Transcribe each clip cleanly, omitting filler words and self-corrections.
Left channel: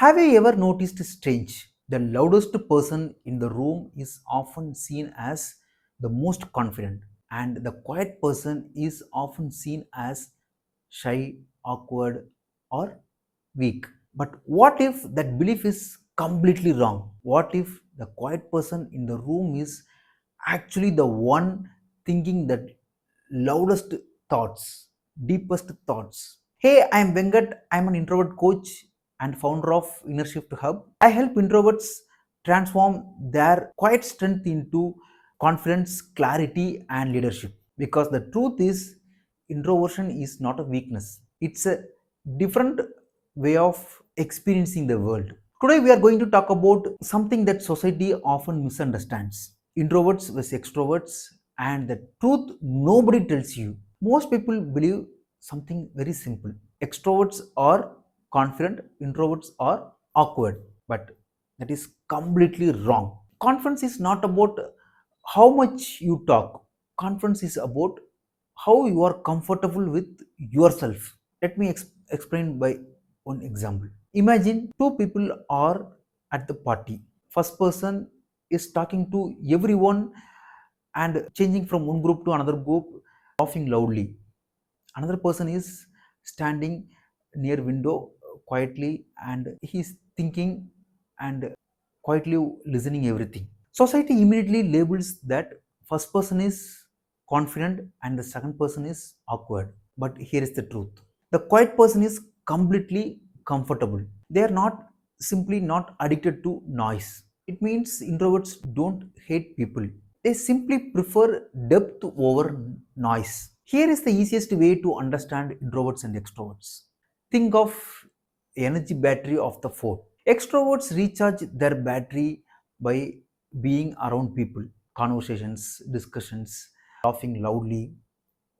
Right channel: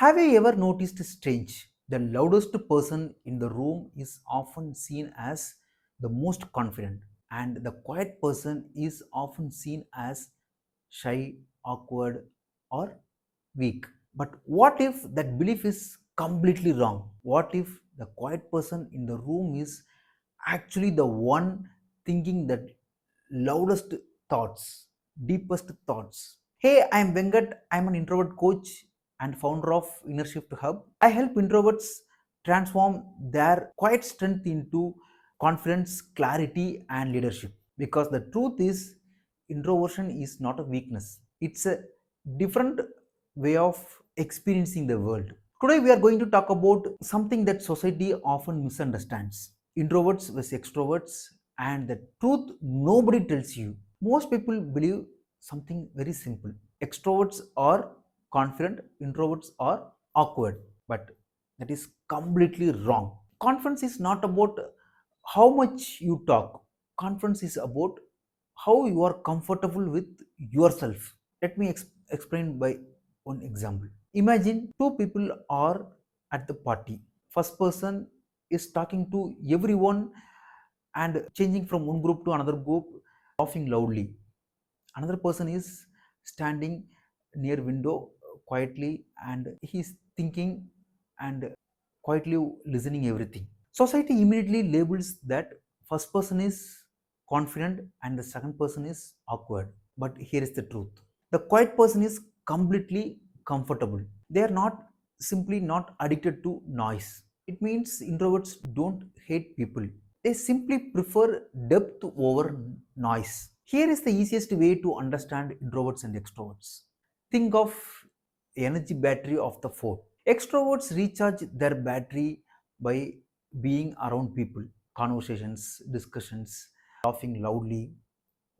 Have you ever noticed strange? The loudest person in the room is often seen as the most confident, and the quiet person is often seen as shy, awkward, or weak. But what if that belief is completely wrong? What if the quiet person in the room is actually the one thinking the loudest thoughts, deepest thoughts? Hey, I'm Venkat. I'm an introvert coach and founder of Inner Shift Hub. I help introverts transform their quiet strength into confidence, clarity, and leadership. Because the truth is, introversion is not a weakness, it's a different way of experiencing the world. Today, we are going to talk about something that society often misunderstands: introverts versus extroverts, and the truth nobody tells you. Most people believe something very simple: extroverts are confident, introverts are awkward. But that is completely wrong. Confidence is not about how much you talk, confidence is about how you are comfortable with yourself. Let me explain by one example. Imagine two people are at the party. First person is talking to everyone and changing from one group to another group, laughing loudly. Another person is standing near window quietly and he's thinking and quietly listening everything. Society immediately labels that first person is confident and the second person is awkward. But here is the truth: the quiet person is completely comfortable. They are not simply not addicted to noise. It means introverts don't hate people, they simply prefer depth over noise. Here is the easiest way to understand introverts and extroverts. Think of energy battery of the phone. Extroverts recharge their battery by being around people, conversations, discussions, laughing loudly,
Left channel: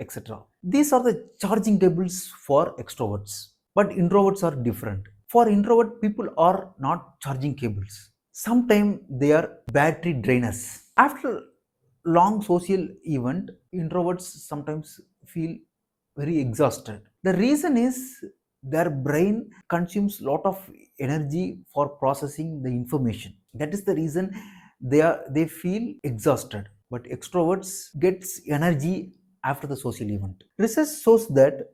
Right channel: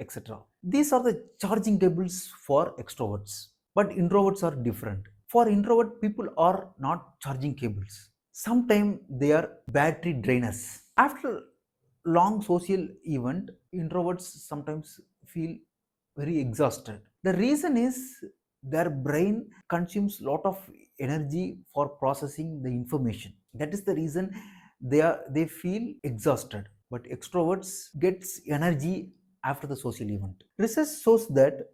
etc. These are the charging tables for extroverts. But introverts are different. For introvert, people are not charging cables. Sometimes they are battery drainers. After long social event, introverts sometimes feel very exhausted. The reason is their brain consumes lot of energy for processing the information. That is the reason they feel exhausted. But extroverts gets energy after the social event. Research shows that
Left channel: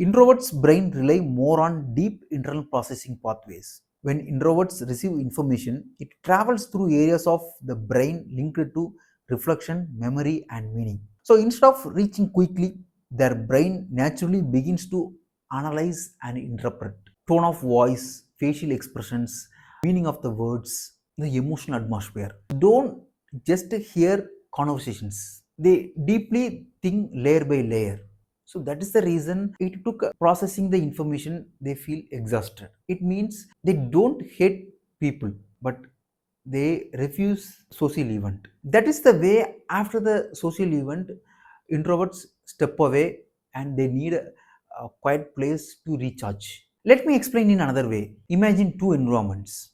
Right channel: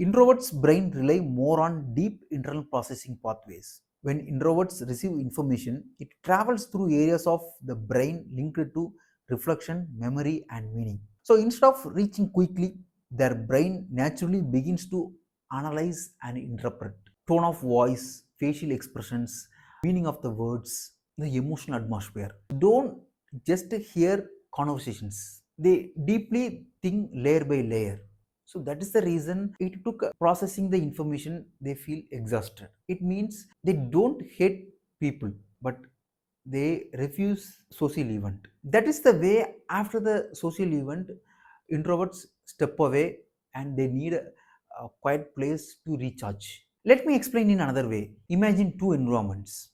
introverts brain rely more on deep internal processing pathways. When introverts receive information, it travels through areas of the brain linked to reflection, memory, and meaning. So instead of reaching quickly, their brain naturally begins to analyze and interpret tone of voice, facial expressions, meaning of the words, the emotional atmosphere. Don't just hear conversations, they deeply think layer by layer. So that is the reason it took processing the information, they feel exhausted. It means they don't hate people, but they refuse social event. That is the way after the social event, introverts step away and they need a quiet place to recharge. Let me explain in another way. Imagine two environments.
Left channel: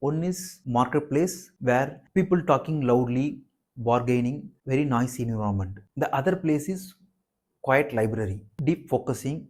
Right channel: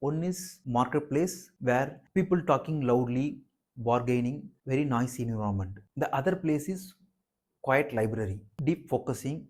One is marketplace where people talking loudly, bargaining, very noisy environment. The other place is quiet library, deep focusing,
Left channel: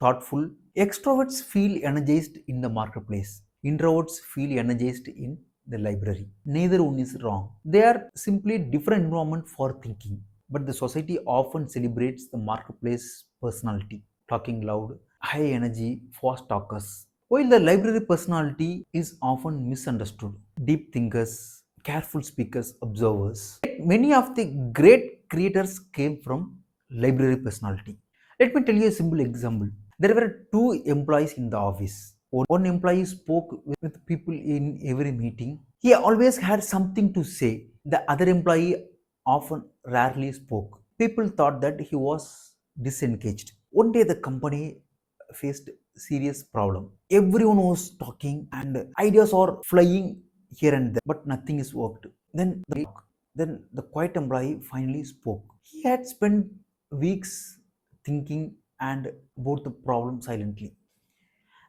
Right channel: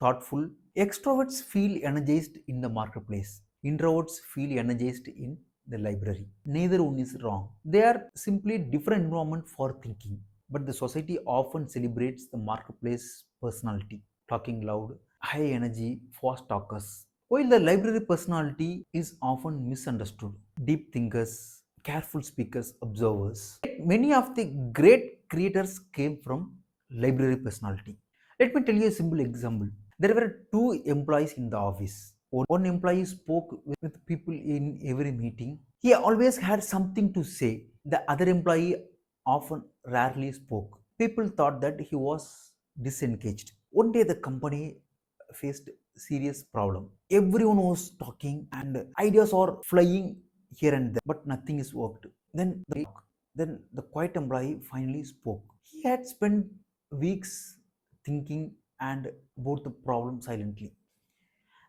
thoughtful. Extroverts feel energized in the marketplace. Introverts feel energized in the library. Neither one is wrong. They are simply different environment for thinking. But the society often celebrates the marketplace personality, talking loud, high energy, fast talkers. While the library personality is often misunderstood, deep thinkers, careful speakers, observers. Many of the great creators came from library personality. Let me tell you a simple example. There were two employees in the office. One employee spoke with people in every meeting. He always had something to say. The other employee often rarely spoke. People thought that he was disengaged. One day the company faced serious problem. Everyone was talking and ideas are flying here and there, but nothing is worked. Then the quiet employee finally spoke. He had spent weeks thinking and about the problem silently.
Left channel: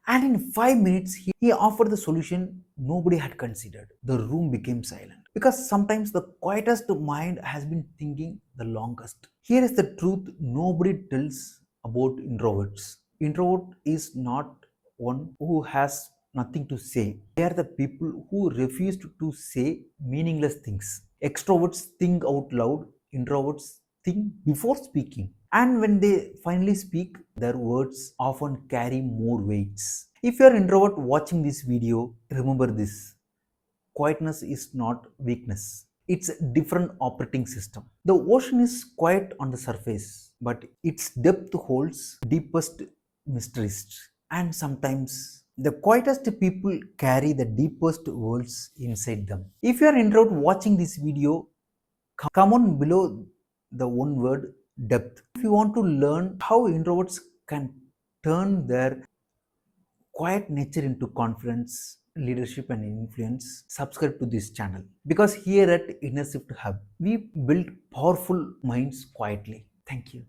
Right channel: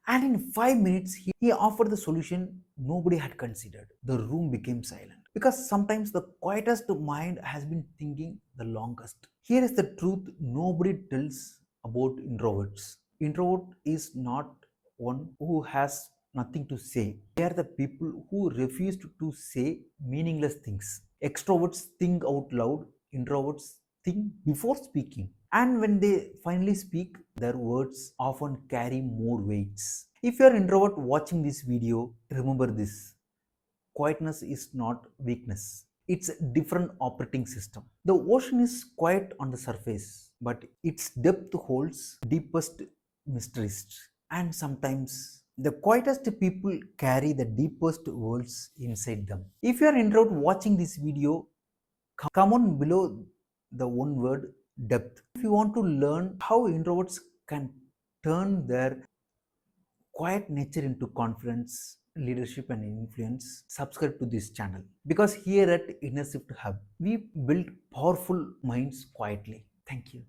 And in 5 minutes, he offered the solution nobody had considered. The room became silent. Because sometimes the quietest mind has been thinking the longest. Here is the truth nobody tells about introverts. Introvert is not one who has nothing to say. They are the people who refuse to say meaningless things. Extroverts think out loud, introverts think before speaking. And when they finally speak, their words often carry more weights. If you are introvert watching this video, remember this. Quietness is not weakness. It's a different operating system. The ocean is quiet on the surface, but its depth holds deepest mysteries. And sometimes the quietest people carry the deepest worlds inside them. If you are introvert watching this video, come on below the one word depth. If you want to learn how introverts can turn their quiet nature into confidence, leadership, and influence, subscribe to this channel. Because here at Inner Shift Hub, we build powerful minds quietly. Thank you.